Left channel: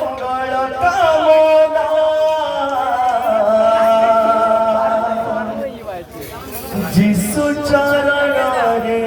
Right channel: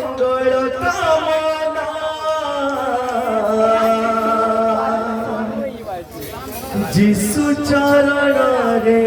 मंगल कामना जिसु चरण रे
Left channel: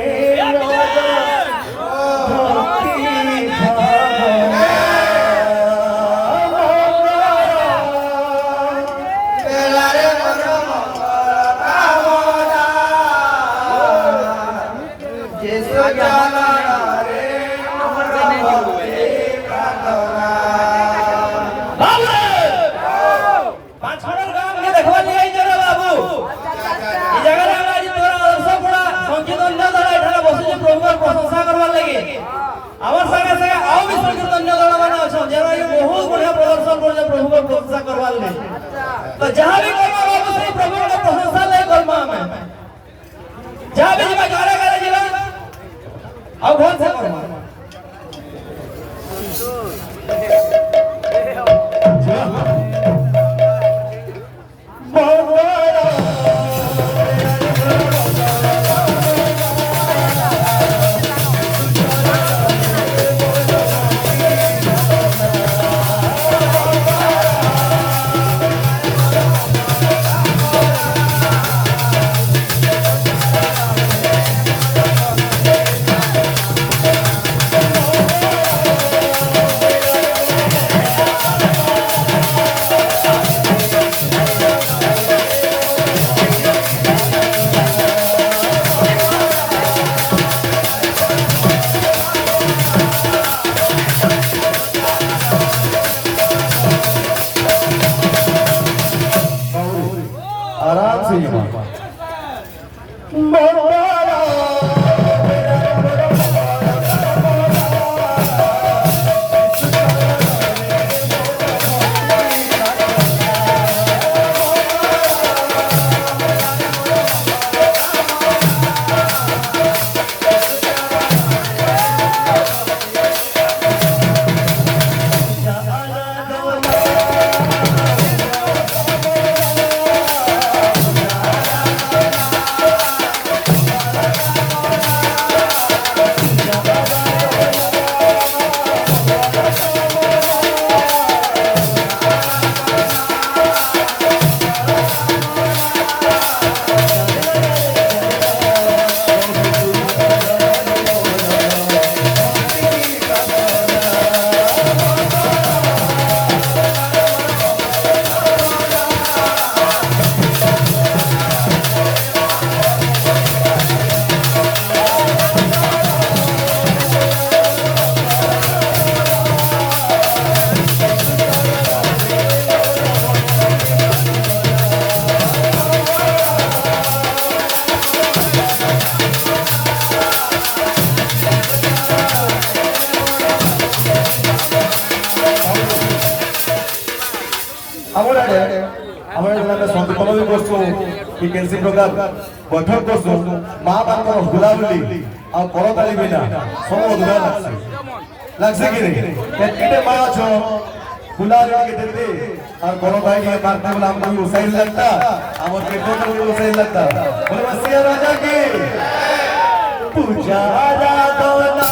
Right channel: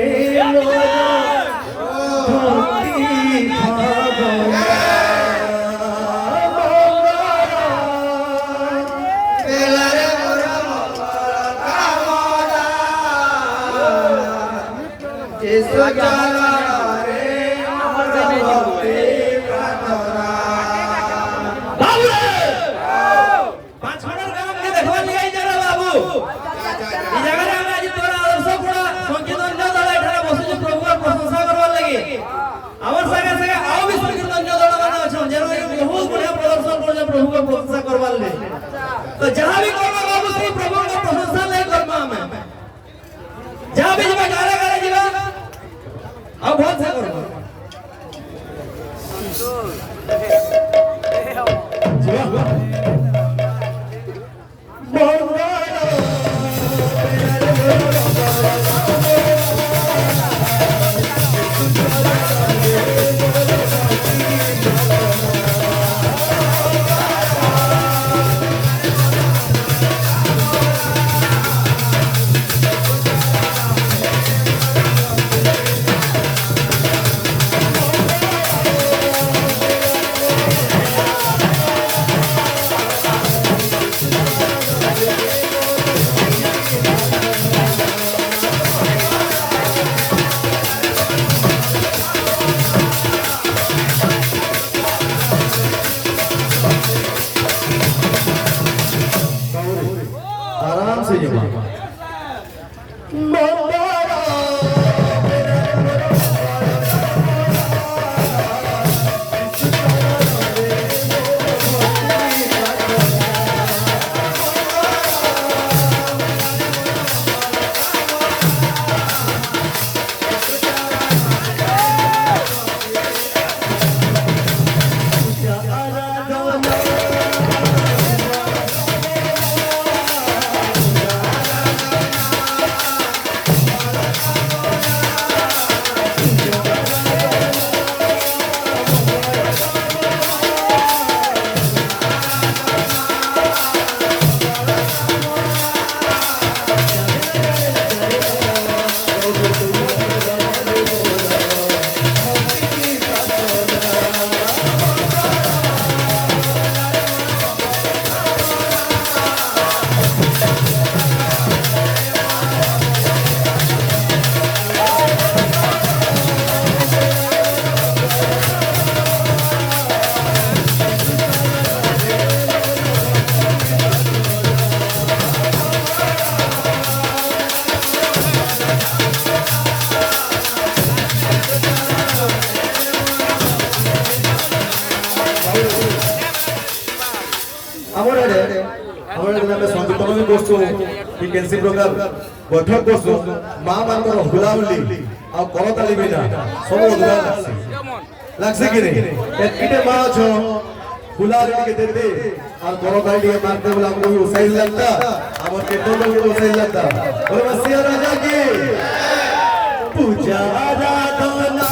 तो जहाँ भी बाबू से प्रभु का प्रशंसा नहीं करमा हमें जहाँ भी जब गाना गाना जीवा अब बहुत सा करमा कि केनसी प्रकार बैठक करसु मां मानकर हुलाहुली आ करताली बिना सब अधूरा लागसे कि नहीं एते मां छो हुलाहुली के देते और करताली के मारते बोला हमको भी उसाइल लगता हमर के तो उसाइल लगता बोलो सिया राजा की पूजा आराधना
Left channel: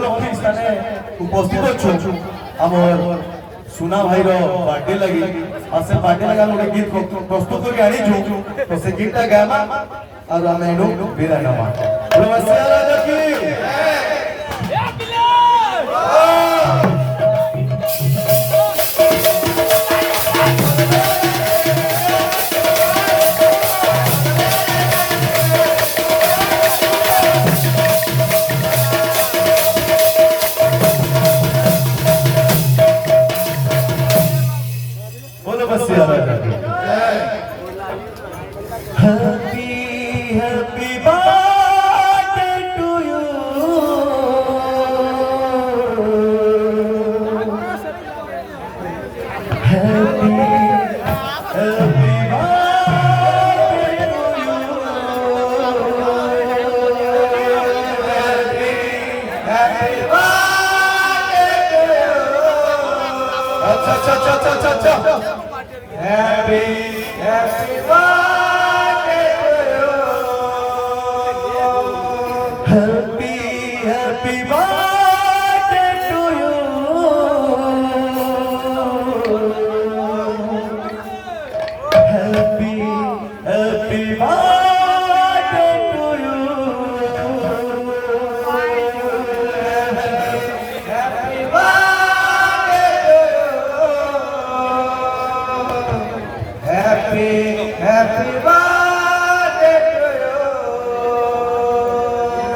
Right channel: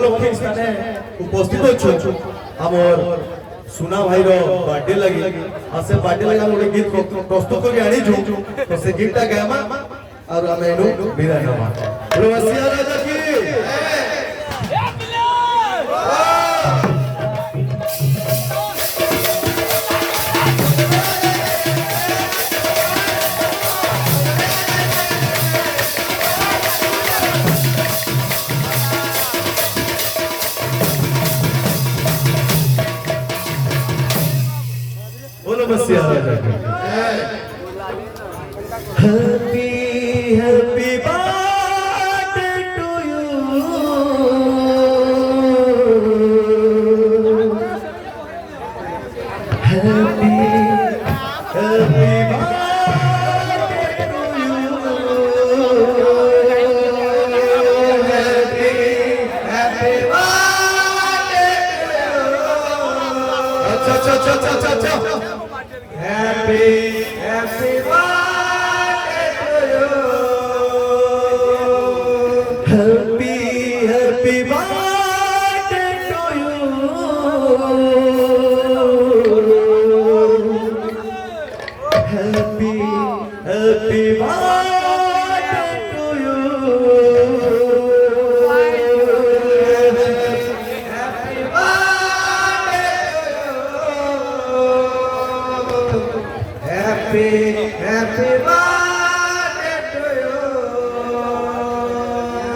উপলক্ষে স্থানে উপস্থিত অছু আমার सुना भाई रो बर्थडे लगी और से बर्थडे लगा गोटे गीत प्रस्तुत करके आनी छु तो से गीतटा गामा और हम एनु विदाय हमा प्रवासिया राजा की बसिया राजा की happy happy birthday to you happy happy Happy, happy birthday to you. Happy, happy birthday to you. Happy, happy birthday to you. Happy Happy, happy birthday to you.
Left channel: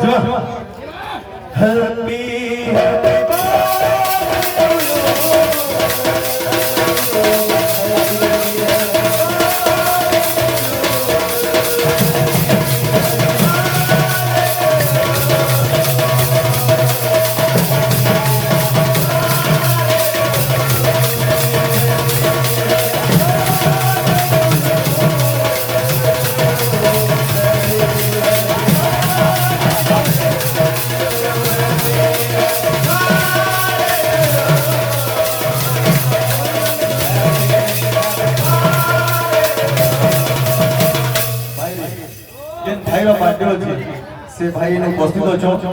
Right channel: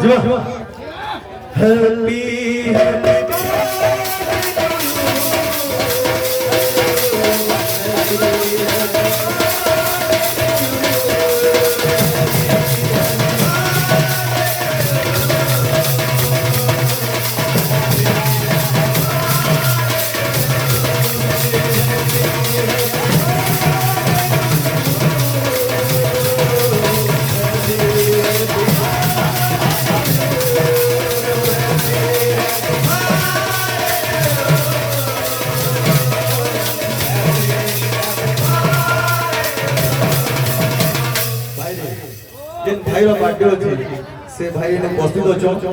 Jiva. Happy, happy भाई रो birthday अछि से भाई ने उपस्थित अछो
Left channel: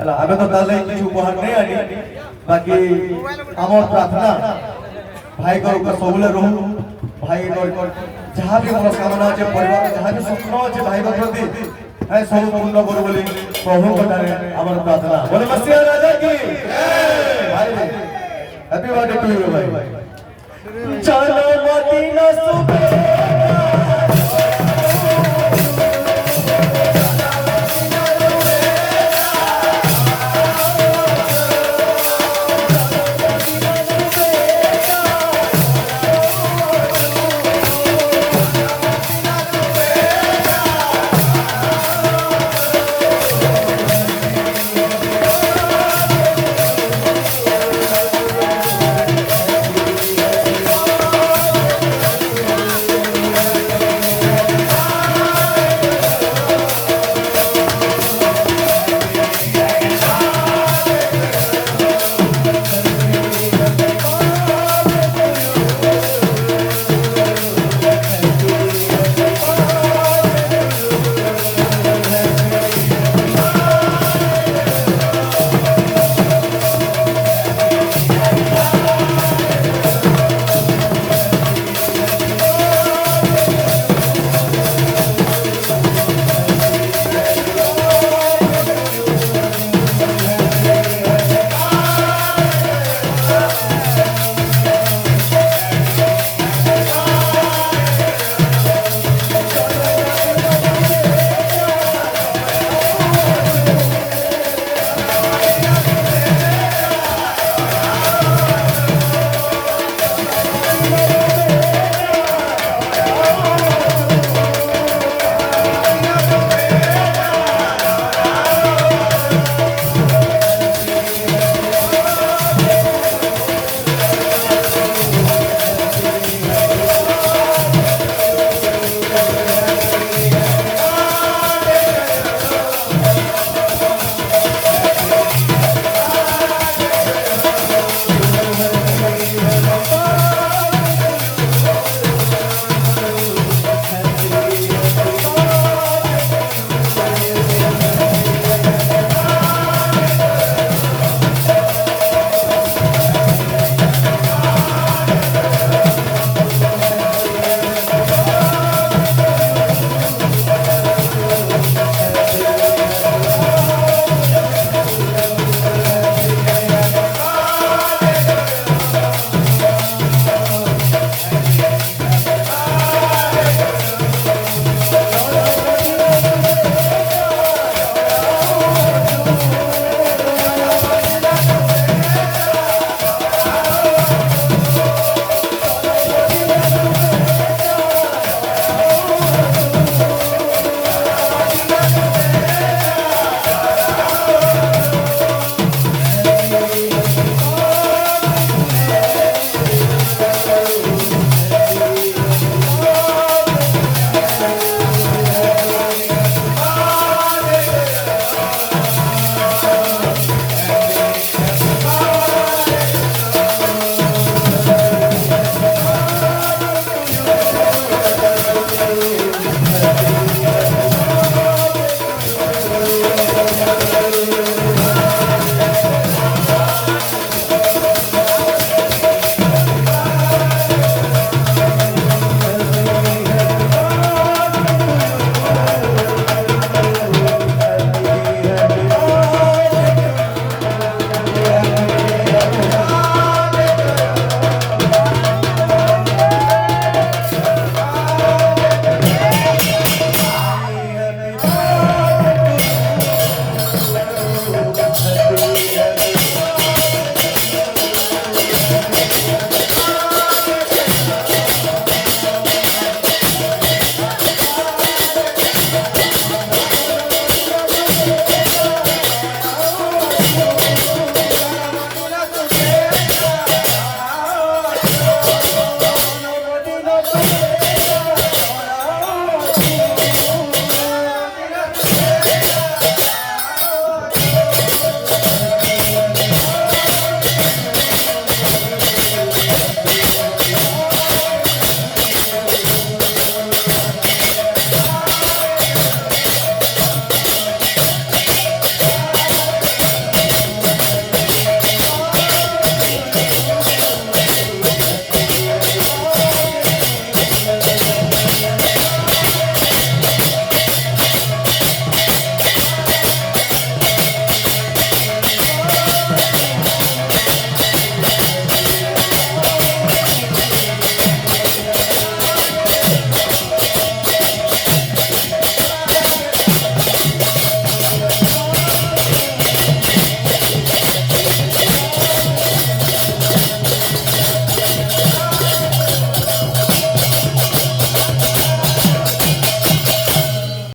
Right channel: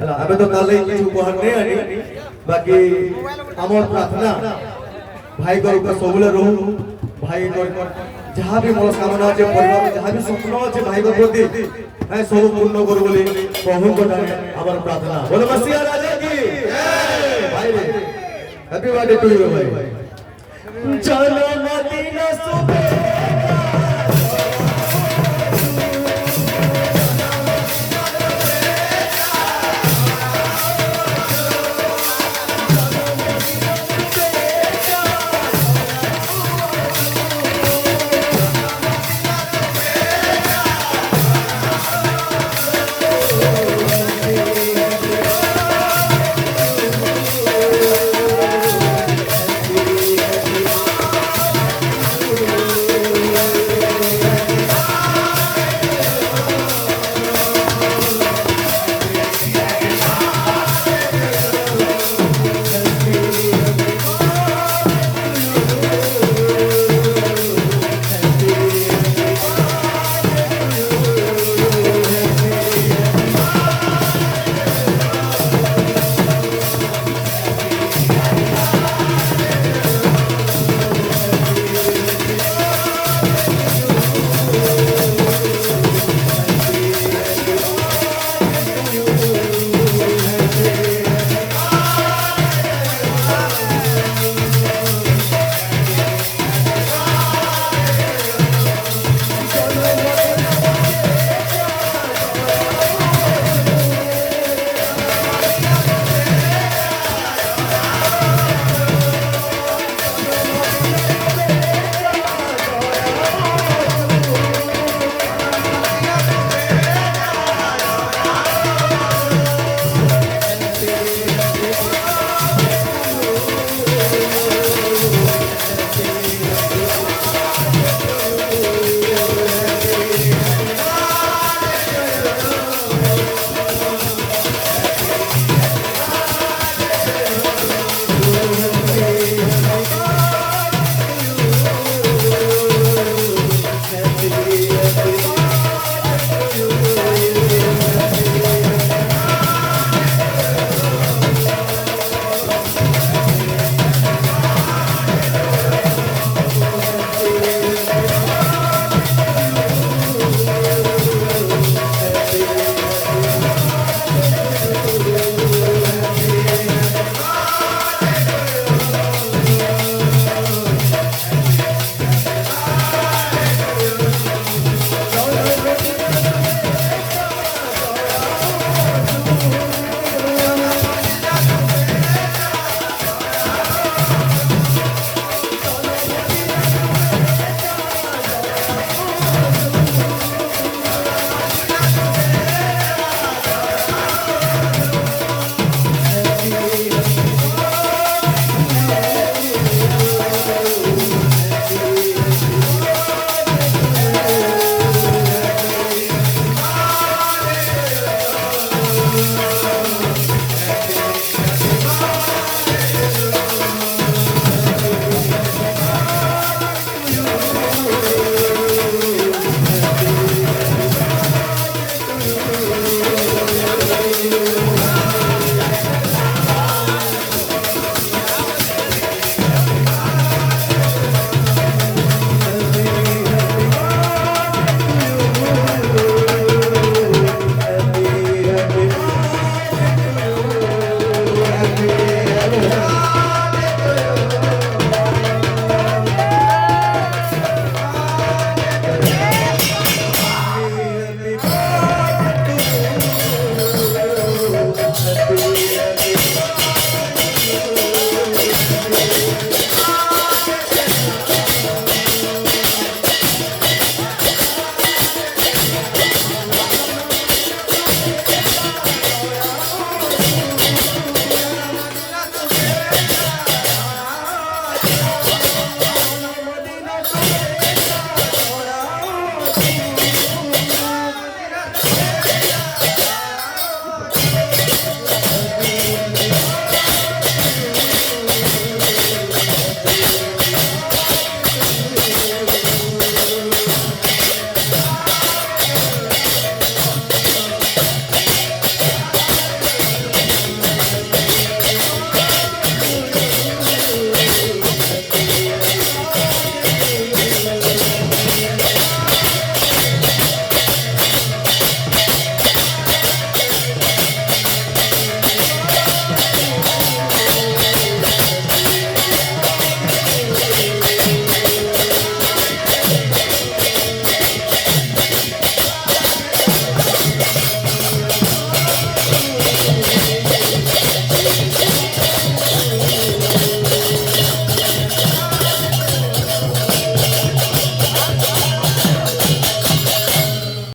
हला आबे तो ताले किछ उपहार नै आनी बाकी हमर प्रार्थना भाई को ऊपर सबले रहू भाई नो जहां भी मनोकामना अछि परिवार जहां भी स्वप्न अछि भाई को प्रति ए सब पूर्ण करू बोली प्रभु को ठाने हमर प्रार्थना बोले मसीहा राजा की भाई हैप्पी बर्थडे टू यू भाई चलो मदीना सुबह